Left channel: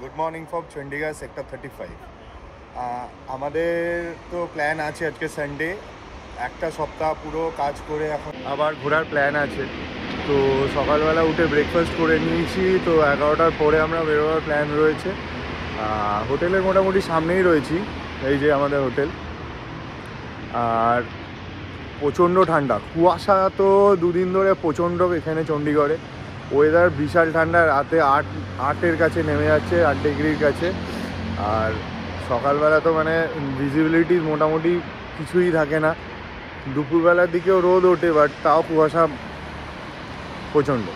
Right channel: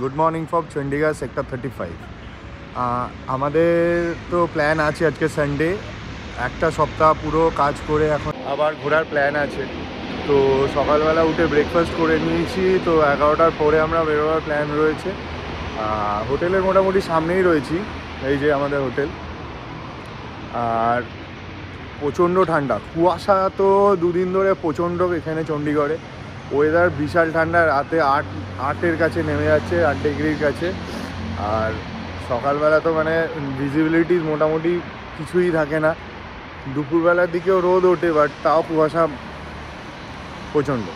Good morning from Chandigarh sector 35। আমাদের তো plan আছে আজকে সানডে, একটা সপ্তাহ পুরো কাজ করে এখন আবার ঘোরার প্ল্যান আছে। তো সকালবেলা উঠে ব্রেকফাস্ট করে নিয়েছি, তো 11টার পরে আমরা বেরোবার প্ল্যান রয়েছে। হোটেলের মোটামুটি সামনেই রয়েছি, এই যে আমাদের হোটেল। আর প্রচণ্ড ঠান্ডা, কুয়াশা তো দুদিন ধরে প্রচণ্ড এখানে চণ্ডীগড়ে। ওয়েদার বিশাল ঠান্ডা, রাতে আটের কাছে নেমে যাচ্ছে, 8 ডিগ্রির কাছে। আর সকালবেলা তো মানে ভিজিবিলিটি মোটামুটি কিছুই থাকে না। দুপুরবেলার দিকেও রোদ ওঠে, বাট তাও কুয়াশা প্রচণ্ড।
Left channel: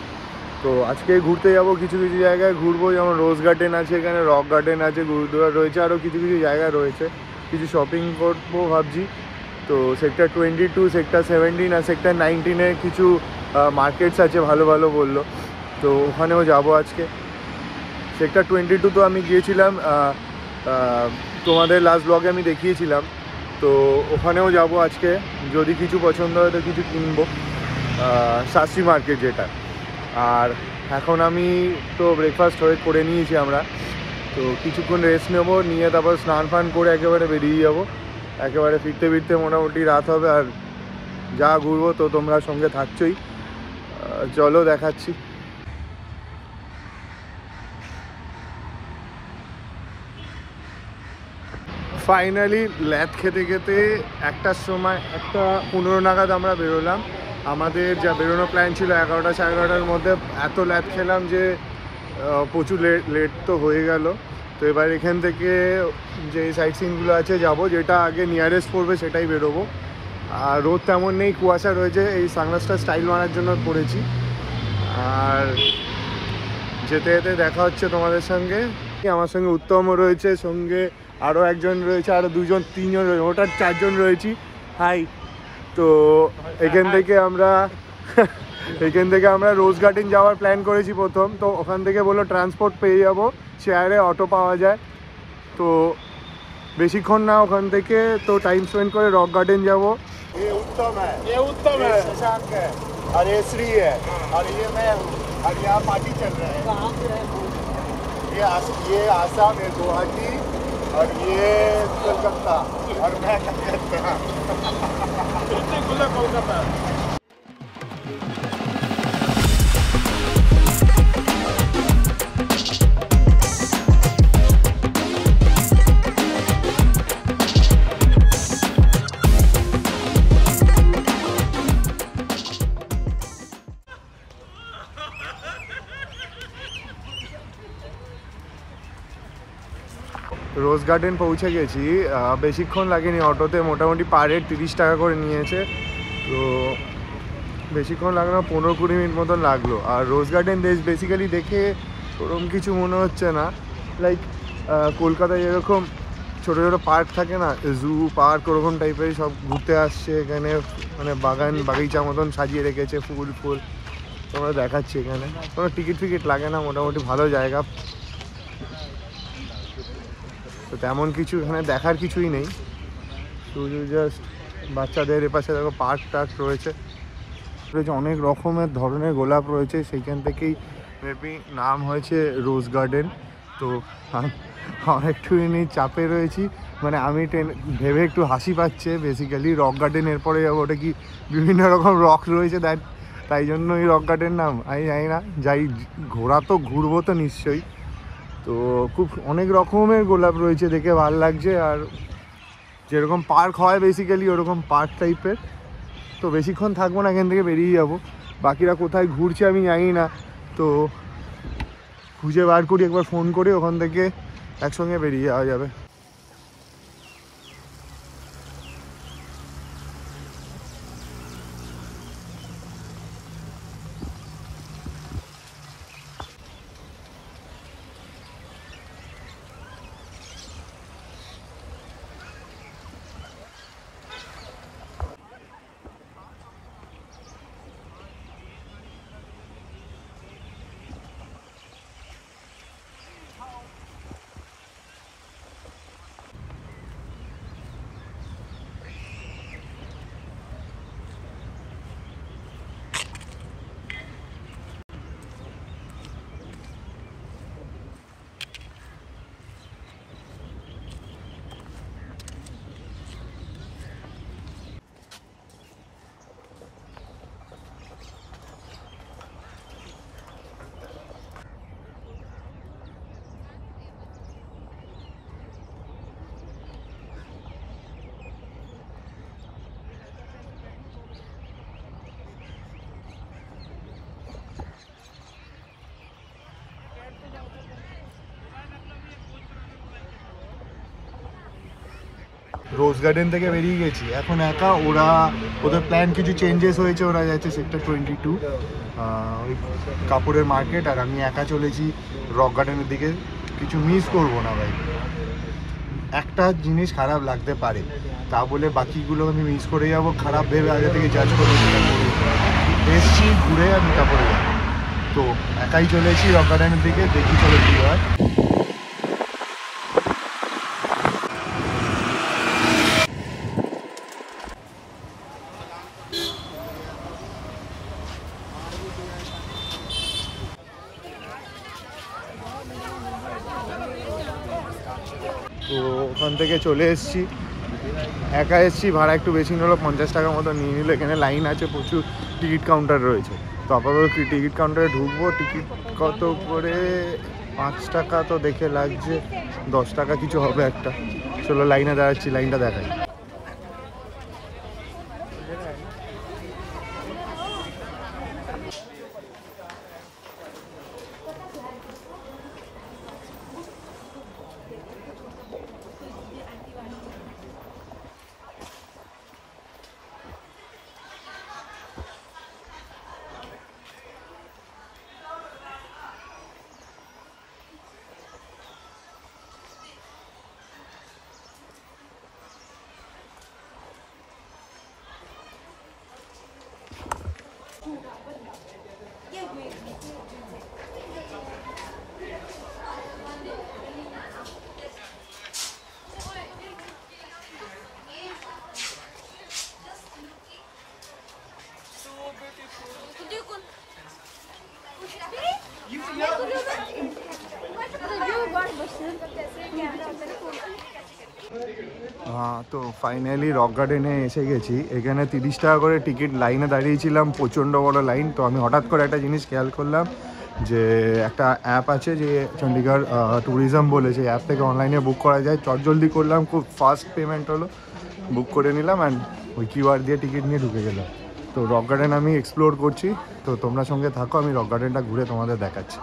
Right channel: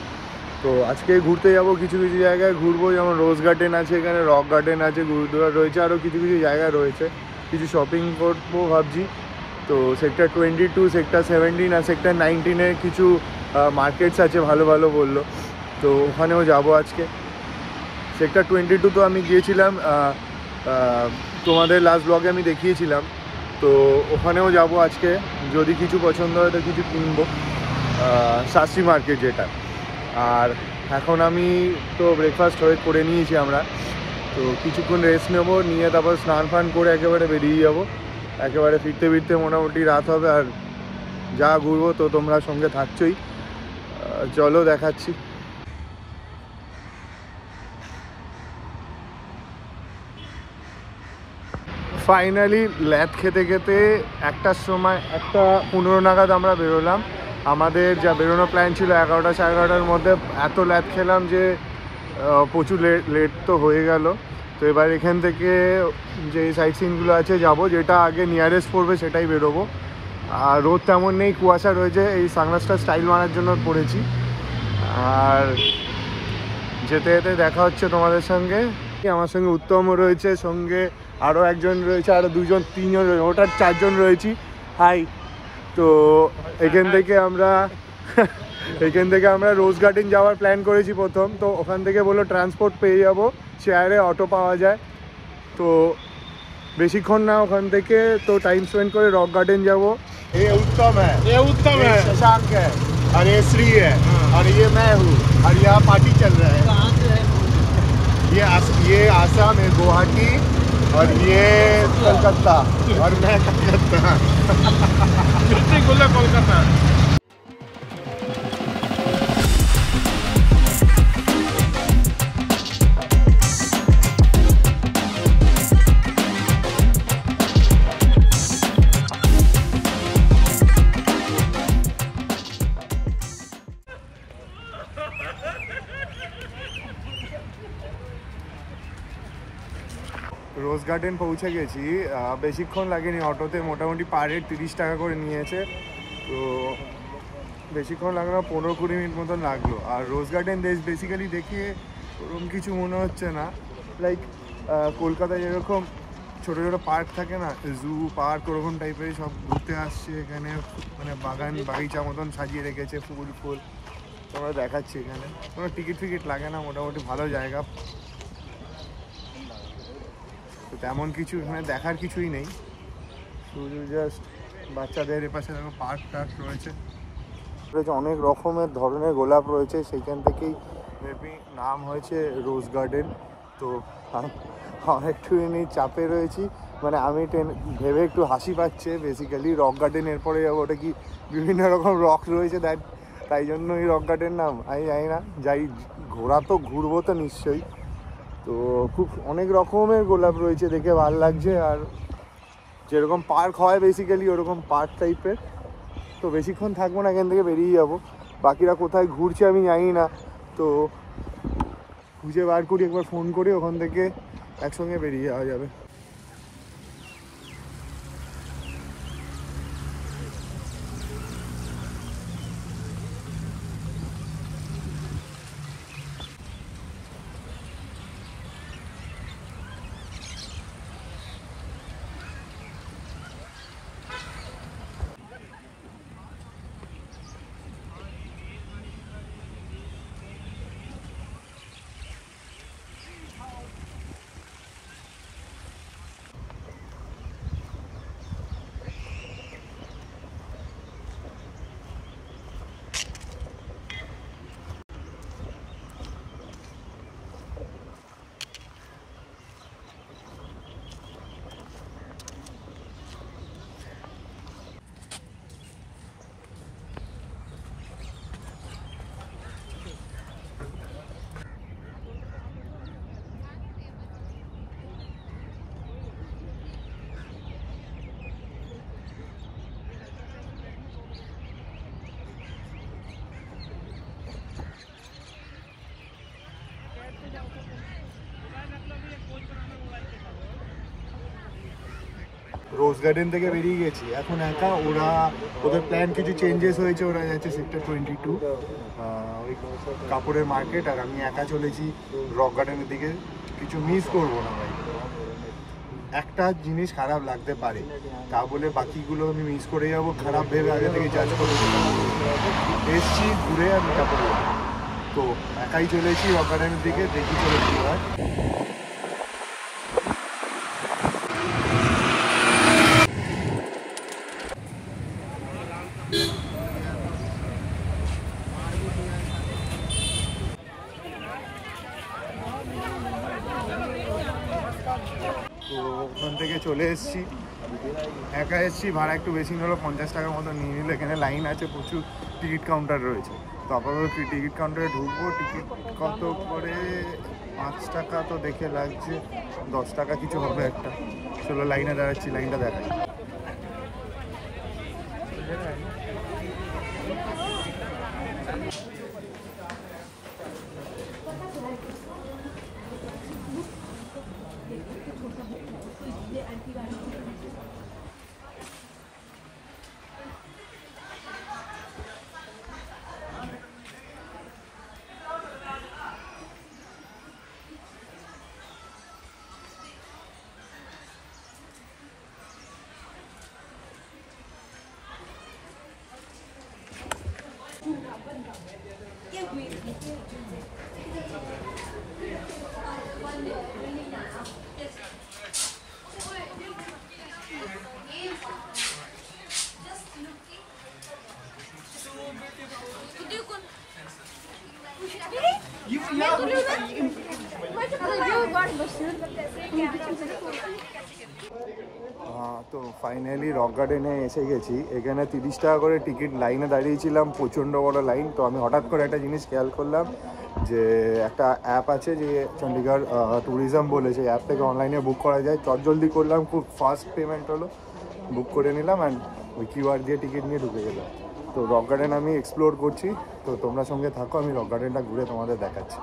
তো আজকে ঘুরতে যাব, কিছু কিছু জায়গায় ঘুরবো, যেমন রোজ গার্ডেন আছে এখানে, রক গার্ডেন আছে, গুরুদুয়ারা রয়েছে, আরও কিছু কিছু জায়গা রয়েছে। কিছু শপিং করবো ভাবছি। তো সেক্টর 22, সেক্টর 17 আর সেক্টর 19-এ কিছু মার্কেটস আছে ভালো ভালো বললো, তো ওখানেও যাব আজকে। সেক্টর 22 তো আমি গিয়েছিলাম, তোমাদের লাস্ট ব্লগে আমি দেখিয়েছিলাম। তো ওখানেও যাব আজকে, যদি কিছু পছন্দ হয় তো কিছু কিনবো, শাস্ত্রী মার্কেট যেটা। আর এখন আমি তো ব্রেকফাস্ট করে নিয়েছি আমরা, তো কিছুক্ষণ রেস্ট নেবো, নিয়ে তারপর স্নান ফান করে একেবারে বেরিয়ে যাবো। একেবারে ফিরতে ফিরতে মোটামুটি রাত হবে, আর যা ঘুরবো তো তোমরা সঙ্গে থাকছোই। চলো দেখাচ্ছি। ফাইনালি ল্যাদ খেতে খেতে 1টার সময়, 1:15 নাগাদ আমরা বেরোলাম। আমাদের যা বেরোনো প্ল্যান ছিল 11টা সাড়ে 11টার মধ্যে, এত ল্যাদ খেলাম যে প্রচুর লেট তো হয়ে গেল। তো এবার এখান থেকে যে সাইট সিনগুলো আছে যাব, যেটা আগে নিয়ারেস্ট পড়বে সেটাই বেরোবো। আর রোদ তেমন নেই, কুয়াশা রয়েছে, এই সানগ্লাসটা স্টাইল মারার জন্য পড়েছি। আর যেতে যেতে দেখা হচ্ছে তোমাদের সঙ্গে। আমার সঙ্গে উত্তমও রয়েছে, সঙ্গে আরও একজন রয়েছে, আরও 2জন 3জন রয়েছে, ওটার 4জন রয়েছি। হাই। তো এখান থেকে আমরা রোজ গার্ডেন যাওয়ার প্ল্যান করেছি প্রথম। তো ওখান থেকে বললো ট্রান্সপোর্ট পেয়ে যাবো, শেয়ারে অটো পাওয়া যায়। তো বেশিক্ষণ না ওখান থেকে, তো টাইম স্পেন্ড করে রক গার্ডেন যাবো। उत्तम है, शशांक है, और ये श्री है, और ये मैं हूँ, और यहाँ पार्टी चल रहा है। कहाँ से है? ये आसाम है, गुवाहाटी, और ये कोलकाता, और मैं कलकत्ता। कोलकाता। রোজ গার্ডেন পৌঁছে গেছি, বেশিক্ষণ লাগেনি, অটোতে মোটামুটি পার হেড 30 টাকা করে নিয়েছে। তো বেশিক্ষণ লাগলো না, 15-20 মিনিট মতন লাগলো। আর রোজ গার্ডেন বেসিক্যালি দেখে ওরকম কিছু মনে হচ্ছে না, লাইক কলকাতায় যেরকম ছোটো ছোটো পার্ক থাকে না, জু পার্ক, ওরকম টাইপেরই সব ঘুরতে আসছে এখানে। মানে বাগিচা মতন সাজিয়ে রেখেছে, ফুল তোমরা দেখাচ্ছি। এখানে কোনো টিকিট ফিকিট লাগে না, মোটামুটি ভালো জায়গা। তো তেমন কিছু এখানে দেখার কিছুই নেই, শুধু জাস্ট বাচ্চাদের এপাশে দেখো পার্ক টার্ক রয়েছে, অনেক রকমের ধরনের গোলাপ রয়েছে, সেইখান থেকেই মেবি নাম হয়েছে রোজ গার্ডেন। তো একটুখানি চাপে রয়েছি, মানে আমি ভেবে একটু হাসি পাচ্ছে। বেসিক্যালি রক গার্ডেন এরপরে যাবো, ওটা কি বিভিন্ন রকম রক রয়েছে তাই জন্য এই রক গার্ডেন নাম, আমি জানি না। যাই, ঘুরবো তো নিশ্চয়ই। তো অনেক রকমের গোলাপ রয়েছে, দেখে ভালো লাগছে। আর যেরকম পার্ক হয় বেসিক্যালি ওরকম পার্ক টাইপের। তো বেশিক্ষণ থাকবো না, এখান থেকে বেরিয়ে যাবো। বাকিরা কোথায় ঘুরছে আমি জানি না, তো খুঁজে বার করি, একবার ফোন করি, ওখান থেকে একসঙ্গে বেরিয়ে যাওয়া যাবে। রোজ গার্ডেন থেকে বেরিয়ে গেছি এখন একা। ওদের প্ল্যান কিছু চেঞ্জেস হয়েছে, ওরা যাচ্ছে সেক্টর 22 ওই কাপড়ের মার্কেট, আর আমি একা চলেছি রক গার্ডেনের দিকে। কিছু মিস করবো না ভাই, একটা জিনিস খারাপ লাগতে পারে তা বলে বাকিগুলো আমি মিস করে যাবো, খারাপ ভেবে আগে থেকে জাজ করবো, সেটা করবো। এসছি ঘুরে আর মিটা করে যাবো। তো একাই চলেছি রক গার্ডেনের দিকে, দেখি চলে কী হয়। তো ওখান থেকে চলে এসেছি, একা এসেছি, ভাড়া একটু বেশি নিল, 50 টাকা মতো নিয়ে নিল। এখানে লাইন আছে, প্রচুর টিকিট কাউন্টার রয়েছে। তো আপাতত টিকিট কাউন্টারে ঢুকবো। টিকিট কত করে? 5 টাকা তো দেখে লাগছে, 10 টাকা কিছু হবে একটা। চলো লাইনে দাঁড়াচ্ছি, লাইনটা দেখাই। हाँ तो फाइनली रक गार्डने एसे गेছি। এখানে 30 টাকা করে টিকিট, লাইনে দাঁড়িয়েছিলাম, প্রচণ্ড বড় লাইন। তো আমি হঠাৎ করে একটা জিনিস খেয়াল করলাম যে একটা অ্যাপ আছে যে চণ্ডীগড় ট্যুরিজম বলে, সেই অ্যাপ থেকে অনলাইনে বুক করা যায়। চটজলদি করলাম, খুব ফাস্ট পেমেন্ট হলো, বুক করে নিলাম অ্যান্ড ওই কিউআর দিয়ে টিকিট নিয়ে ঢুকে গেলাম। তো রক গার্ডেন আমি এক্সপ্লোর করছি, তো তোমরা সঙ্গে থাকো, আমি রক গার্ডেনটা ঘুরে তোমাদের দেখাচ্ছি।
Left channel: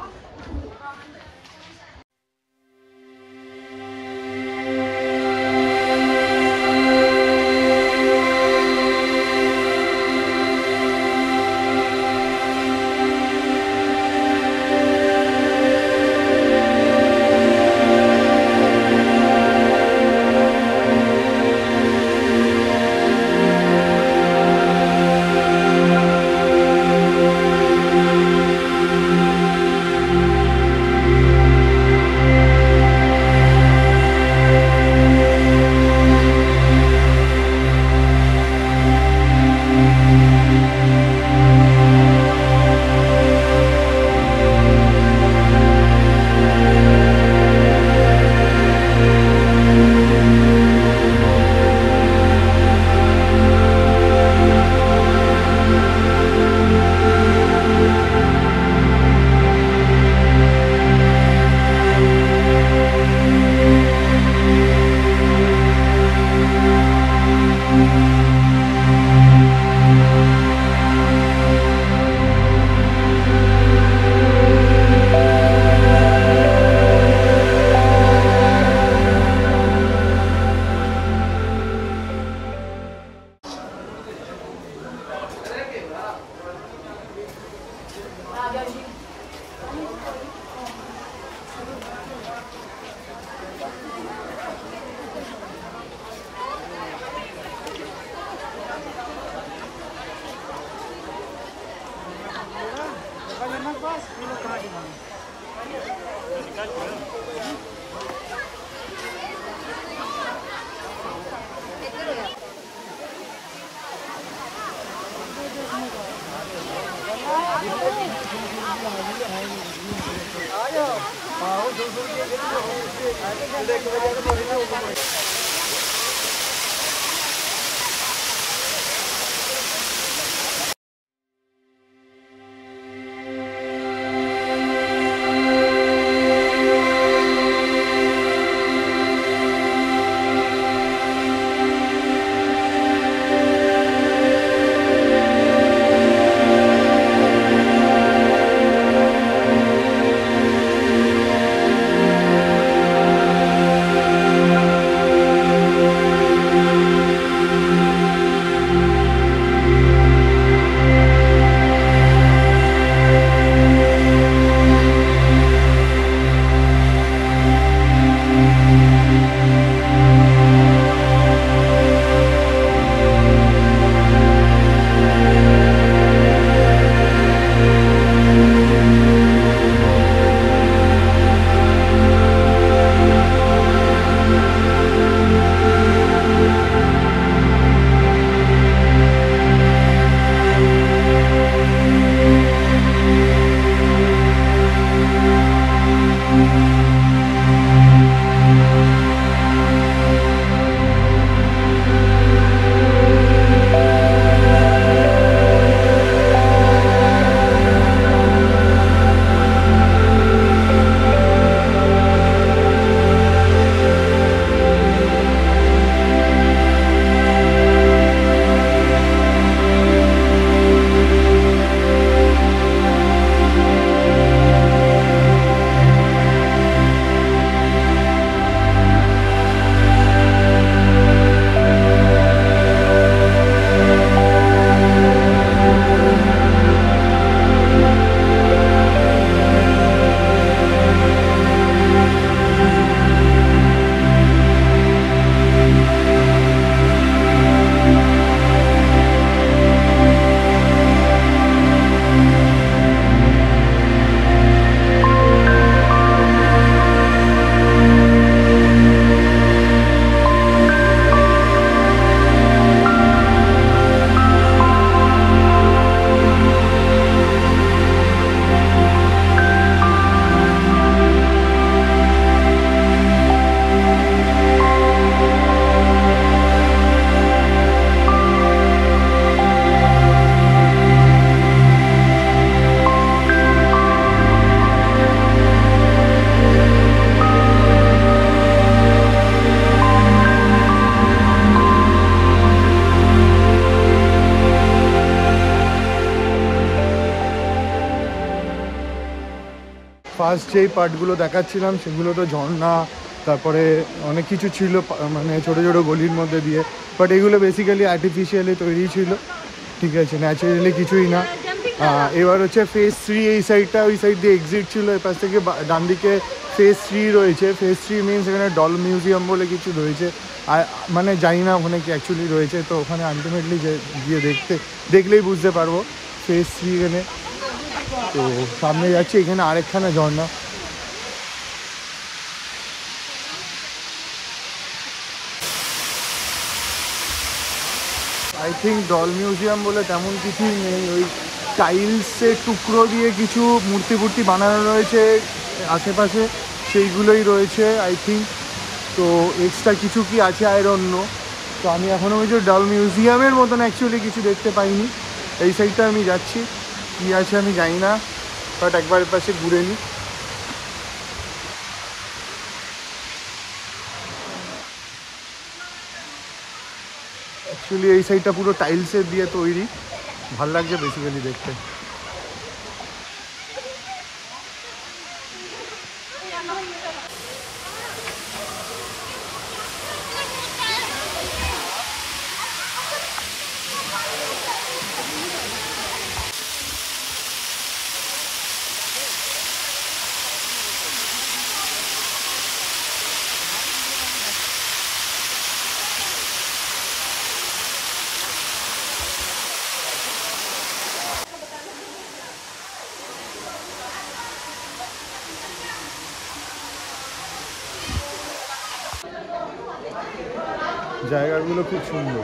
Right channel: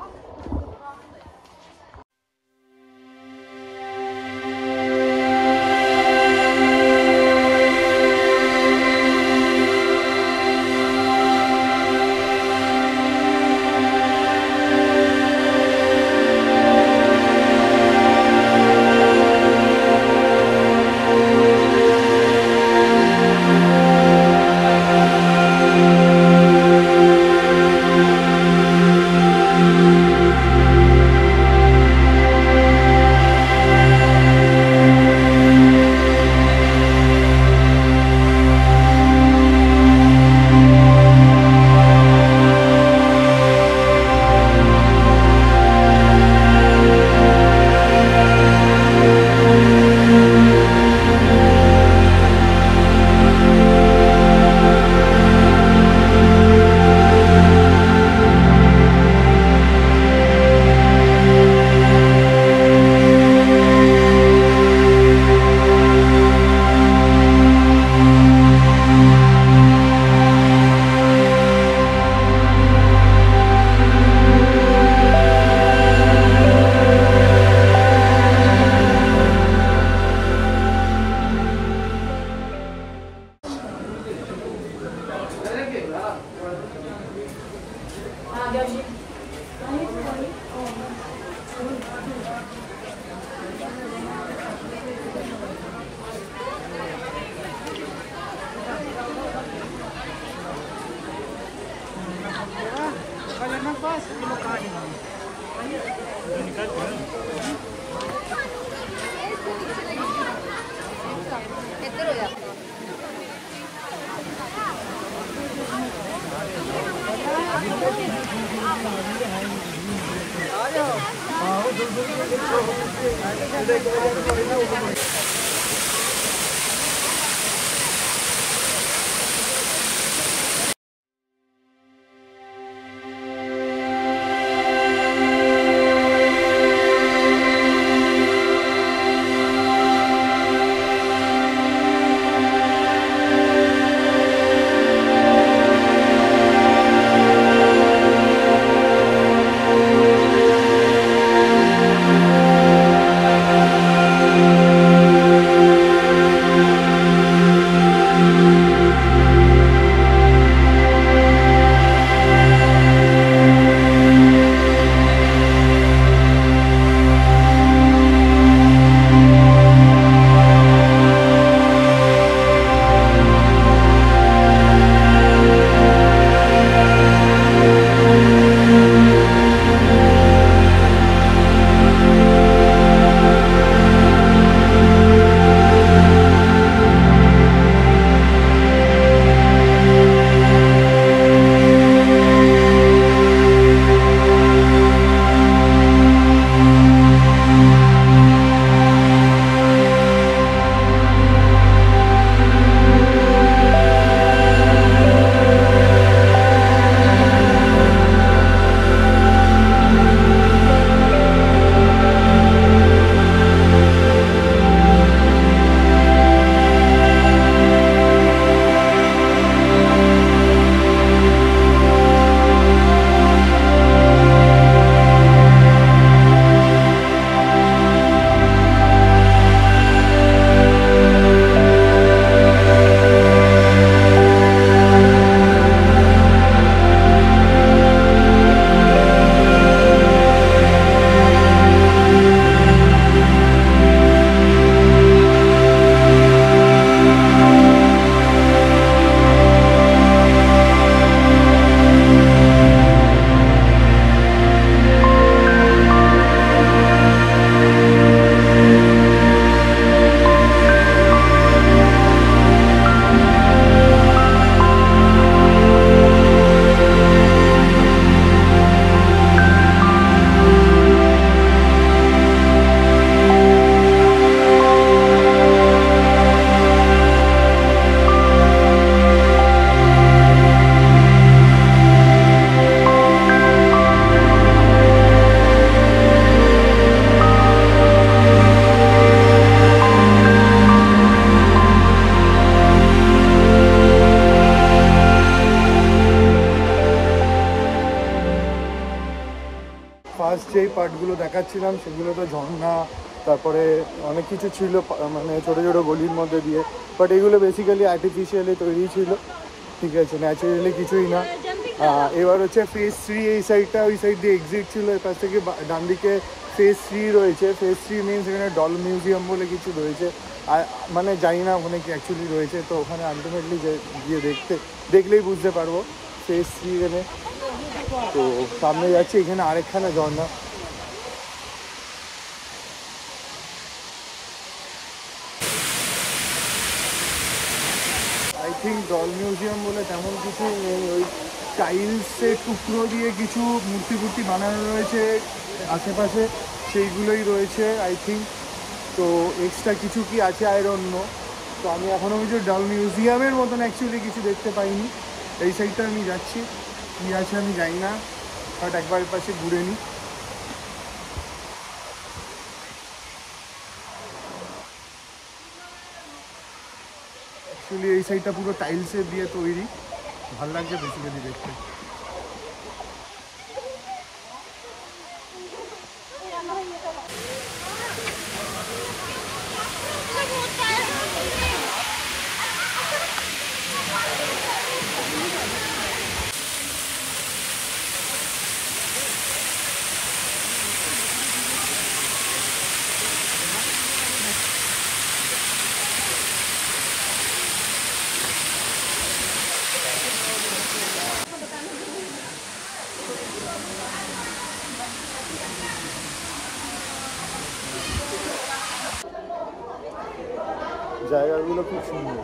ফার্স্ট যেই পার্টগুলো দেখাচ্ছিলাম সেগুলো তো ঝর্ণা, তারপরে অনেক কিছু ছিল মানে ছোটো ছোটো গলির মধ্যে দিয়ে, বাট এগুলো বেসিক্যালি আর্টিফিশিয়ালি তৈরি ছিল, ঠিক আছে, ন্যাচারালি কিছুই না। এবার হচ্ছে ফেজ 3, এই সাইডটা, ওই সাইড দিয়ে এক্সিট ছিল, এ পাশ থেকে ডান দিকে ফেজ 3 রয়েছে। ফেজ 3 মিনস এখানে ডল মিউজিয়াম বলে কিছু রয়েছে, আর মানে জানি না ওখানে কি অ্যাকচুয়ালি রয়েছে, তো ওখানে আলটিমেটলি গিয়ে দেখলেই বুঝতে পারবো ফেজ 3 এখানে। তো সামনে যাচ্ছি, এখানে আরেকখানা ঝর্ণা। আই থিঙ্ক ডল মিউজিয়াম বলে তেমন কিছুই নেই, ওই টাইলসের টুকরো দিয়ে কিছু মূর্তি বানানো রয়েছে আশেপাশে, সেইগুলোই রয়েছে আই থিঙ্ক। তো এক্সট্রা কিছু কি আছে আই ডোন্ট নো। তো আমি এখনও কিছু ডল মিউজিয়ামের মতন অ্যাকচুয়ালি কিছু দেখতে পাইনি। এই সাইডটা আমি যাচ্ছি, কী আছে আমি জানি না, বাট একবার পাশে ঘুরে নিই। অ্যাকচুয়ালি এই সাইডটা পুরো টাইলসের দিয়ে তৈরি, ভাল লাগছে বেসিক্যালি দেখতে। জায়গাগুলো খুব সুন্দর।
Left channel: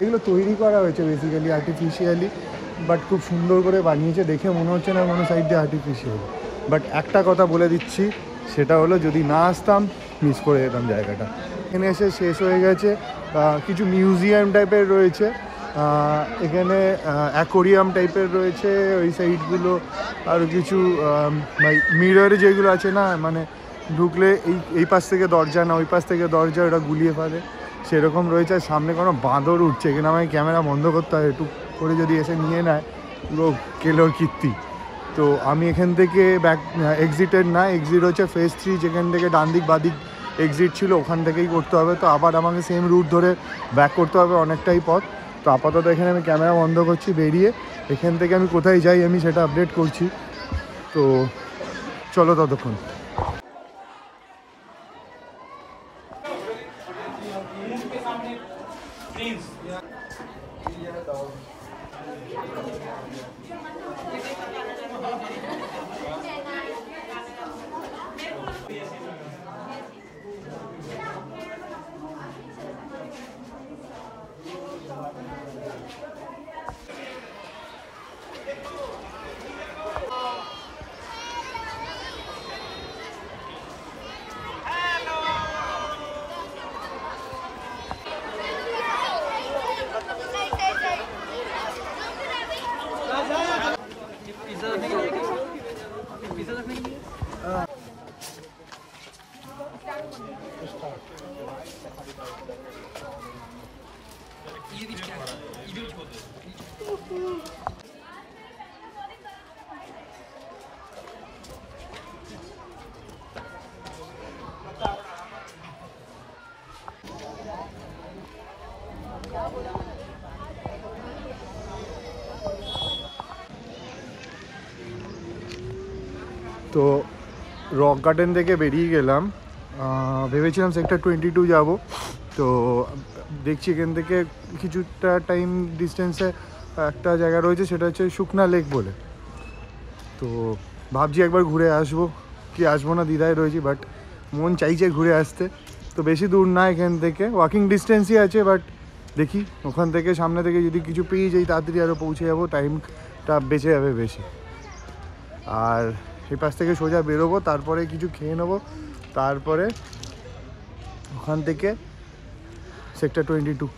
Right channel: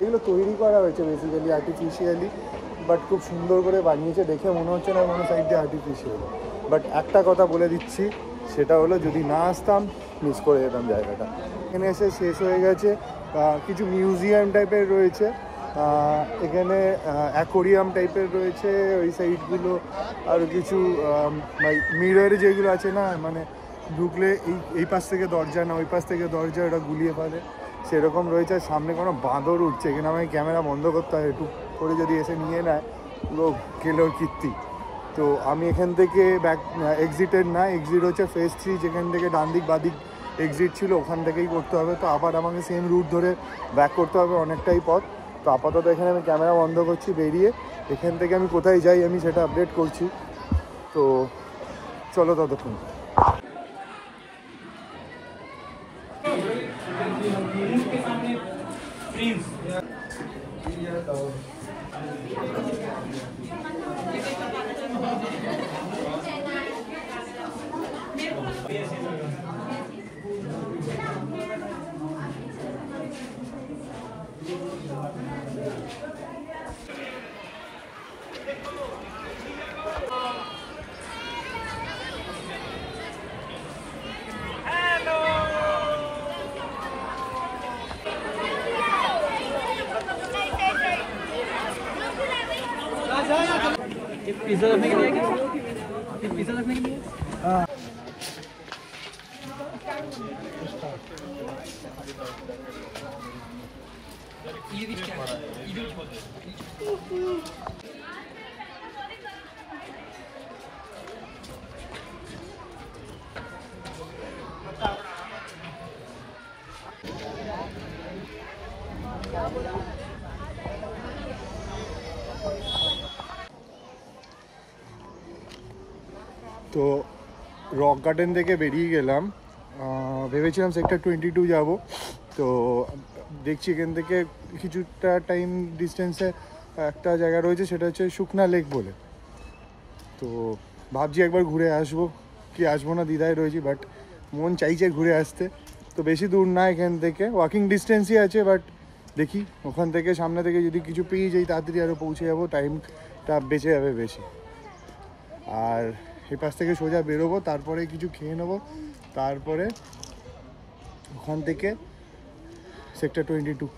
এগুলো তৈরি করা হয়েছে বেসিক্যালি আর্টিফিশিয়ালি, বাট খুব সুন্দর করে বানিয়েছে, দেখে মনে হচ্ছে না কোনো সাইড দিয়ে আর্টিফিশিয়াল। বাট একটা কথা বলে দিচ্ছি, সেটা হলো যদি না আসতাম মিস করে যেতাম জায়গাটা। এখানে এসে শেষ হয়ে গেছে। কিছু মিউজিয়াম টাইপের রয়েছে এখানে, অ্যাকোরিয়াম টাইপের রয়েছে ওই সাইডগুলো, আর কিছু মিররে যেগুলো আছে না, মানে ঢুকলে এই পাশ থেকে দরজা না ওই পাশ থেকে দরজা, ওটা গুলিয়ে ফেলে, সেরকম রয়েছে। আর সামনে কোনো বাঁদর উঠছে, এখানে আমাকে ক্যামেরা বন্ধ করতে হয়, একটু করে যদি এসে নিয়ে নেয় পুরো কেলোর কীর্তি। তো আমি এখান থেকে এক্সিটেড না, এক্সিট হচ্ছে ফেজ 3, যেখান থেকে ডান দিক বাদিক এক্সিট ছিল ওখান থেকেই করতে হবে। তো আবার আমাকে সেম রুট ধরে ব্যাক করতে হবে অনেকটাই পথ। তো আপাতত এখানে আমি ক্যামেরা বন্ধ করছি, বেরিয়ে এখান থেকে আমি কোথায় যাই আমি সেটা আপডেট করছি। তো চলো ততক্ষণ। पिज़्ज़ा रखने के लिए पिज़्ज़ा रखने के लिए हाँ তো রক গার্ডেন থেকে বেরিয়ে গেলাম, ভেবেছিলাম সেক্টর 22 যাব। তো দেখছি এখান থেকে কিছুটা টাইম ডিস্টেন্সে একটা জায়গা রয়েছে, সেটা হচ্ছে শুকনা লেক বলে। তো ভাবছি একবার ঘুরে আসবো কি আসবো না দ্বিধায় রয়েছি, বাট মন চাইছে ঘুরে আসতে। তো বেশি দূর না এখান থেকে, ওয়াকিং ডিস্টেন্সই আছে, বাট দেখি ওখান থেকে সামনে থেকে যদি কিছু পেয়ে যাই তাড়াতাড়ি আরও পৌঁছে যাবো, টাইমটা বেঁচে যাবে বেশি। আর এই পাশ থেকে সোজা বেরোবো, তারপরে কিছু খেয়ে নেবো, তারপরে ওখান থেকে সেক্টর 22।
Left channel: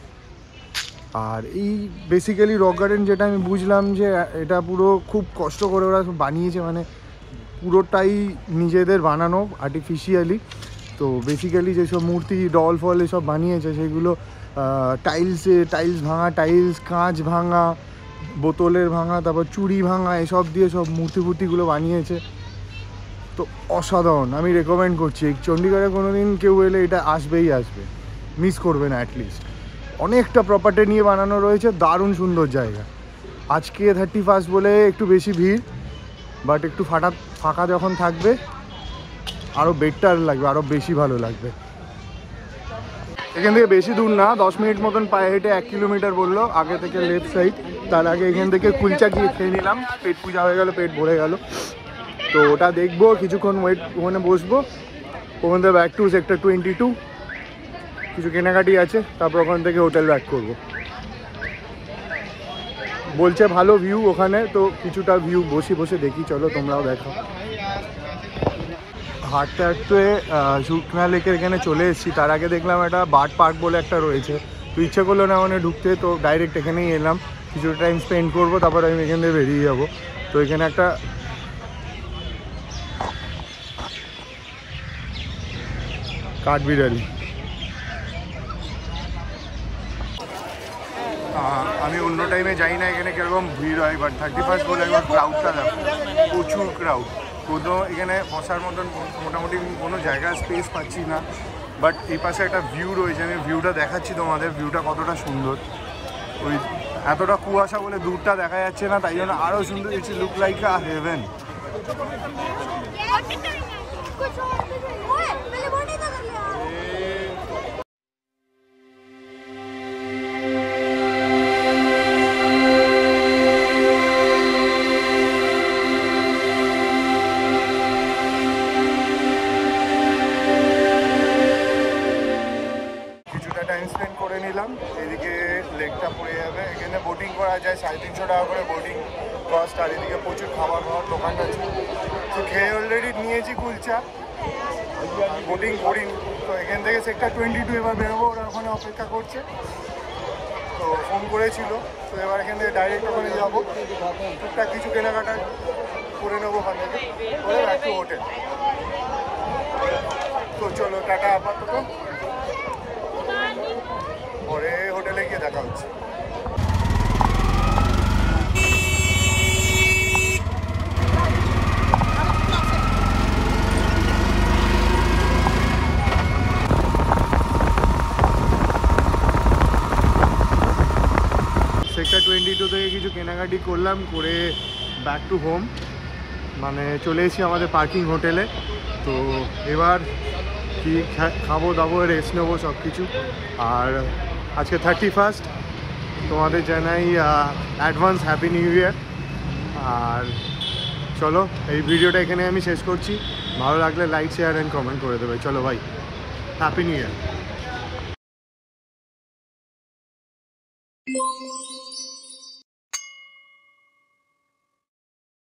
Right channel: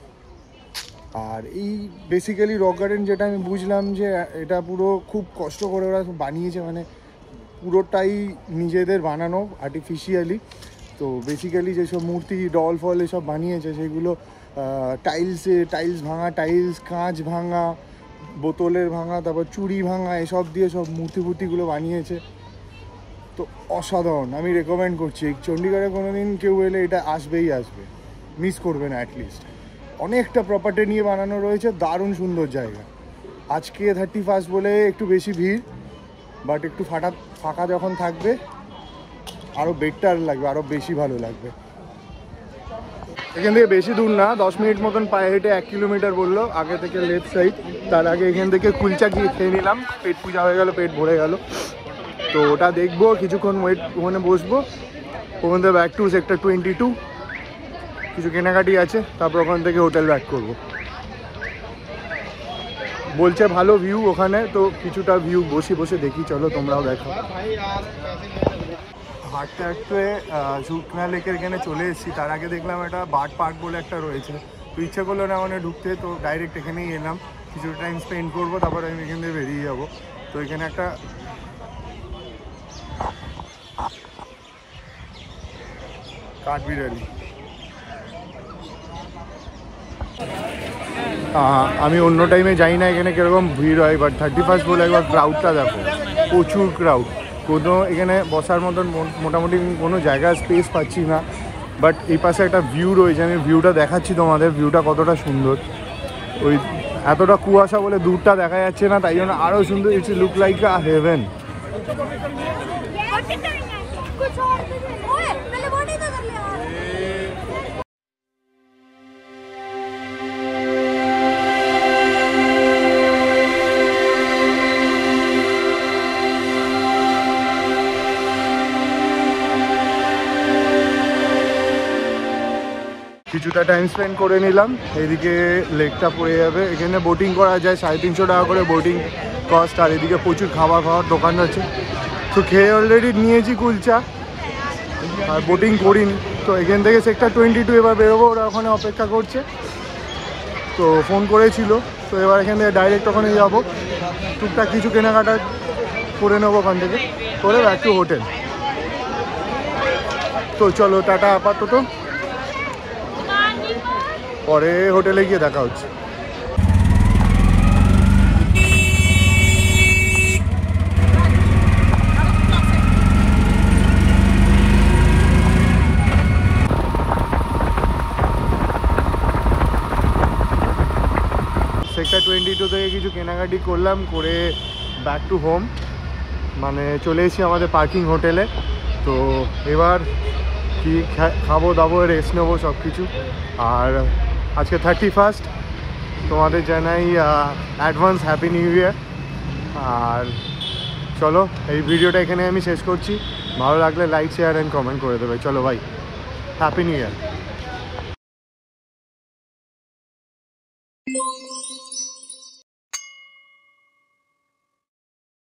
আর এই বেসিক্যালি রক গার্ডেন যেটা আমি বুঝলাম যে এটা পুরো খুব কষ্ট করে ওরা বানিয়েছে, মানে পুরোটাই নিজেদের বানানো আর্টিফিশিয়ালি। তো বেসিক্যালি যেসব মূর্তি ডল ফল এসব বানিয়েছে সেগুলো টাইলস ভাঙা, কাঁচ ভাঙা, বোতলের ভাঙা, তারপর চুড়ি ভাঙা, এসব দিয়ে সব মূর্তিগুলো বানিয়েছে। তো অসাধারণ, আমি রেকমেন্ড করছি চণ্ডীগড়ে কোনো দিন কেউ এলে এটা আসবে, মিস করবে না অ্যাটলিস্ট। অনেকটা প্রপার্টি নিয়ে বানানো রয়েছে, দারুণ সুন্দর জায়গা। আজকে 31 বলে একটু বেশি ভিড়, বাট একটু ফাঁকা যখন থাকবে আরও বেটার লাগবে, আরও বেশি ভালো লাগবে। এখান থেকে বেশি দূর না, 10 মিনিট মতন পায়ে হেঁটে 1 কিলোমিটার বললো আগে থেকে লেফট সাইড। তার আগে এখান থেকে কুলচা খেয়ে নিলাম, পেট পূজা হয়ে গেল, পেট ভরে গেল। তো ওটা দেখবো, কিছুক্ষণ ওখানে বসবো, ওখান থেকে ব্যাক টু সেক্টর 22, কিছু কেনাকাটি আছে, তারপর ওখান থেকে হোটেল ব্যাক করবো। বলছে ভালো ভিউ ওখানে, তো কিছুটা ভিউ বসে দেখি, চলো তোমরাও দেখো। হাঁটতে হাঁটতে শুকনা লেকের এখানে চলে এসেছি। তার আগে দেখলাম একটা বার্ড পার্ক বলে একটা রয়েছে, তো ইচ্ছে করলো না মানে ঢুকতে, তো ডাইরেক্ট এখানেই এলাম, কিছু টাইম স্পেন্ড করবো, তারপর আমি এখান থেকে বেরিয়ে যাবো। তো এখানে একটা কাঠবিড়ালি, আমি অন্য টাইমে যাই না এখানে কীরকম ভিড় হয়, বাট 31 বলে একবার ক্রাউডটা দেখো, প্রচুর ক্রাউড। কোনো এখানে বসার মতন মোটামুটি কোনো জায়গা স্পেস পাচ্ছি না, বাট এই পাশে একটা ভিউ রয়েছে, আমি ভিউটা দেখাচ্ছি তোমাদের, ভিউটা কতটা সুন্দর। ওই এতটা কুয়াশা বলে দূরটা দেখা যাচ্ছে না, তাই জন্য আরও সুন্দর, it's look like a haven. কিছুটা টাইম স্পেন্ড করে নিলাম, এইদিকে লেকটা পড়ে যাবে, এখানে বোটিং করা যায়, 350 টাকা করে বোটিং কস্ট। আর এদিকে প্রচুর খাওয়ার দোকান আছে, তো খেয়ে অলরেডি নিয়েছি কুলচা, আর বোটিং করিনি। তো এখান থেকে সেক্টর 22 এবার বেরোবো, ওরা ওখানে অপেক্ষা করছে, তো ফোন করেছিল, তো এবার এখান থেকে ডাইরেক্ট ওখানে যাবো, টুকটাক কিছু কেনাকাটা করে নেবো ওখান থেকে, করে ব্যাক টু হোটেল। তো চলো টাটা আপাতত, পরে হোটেলে গিয়ে দেখা হচ্ছে। সেক্টর 22 থেকে কিছু কেনাকাটি করলাম, করে ব্যাক টু হোম, মানে চলে এসেছি আমাদের পার্কিং হোটেলে। তো এবার কি খাবো দাবো, রেস্ট নেবো সব কিছু। আর আজকে 31, তোমাদের জানাই অ্যাডভান্স হ্যাপি নিউ ইয়ার। আর চলো এই ভিডিওটা এখানে আমি শেষ করছি, ভালো লাগলে লাইক শেয়ার অ্যান্ড কমেন্ট করে দেবে। চলো ভাই, হ্যাপি নিউ ইয়ার।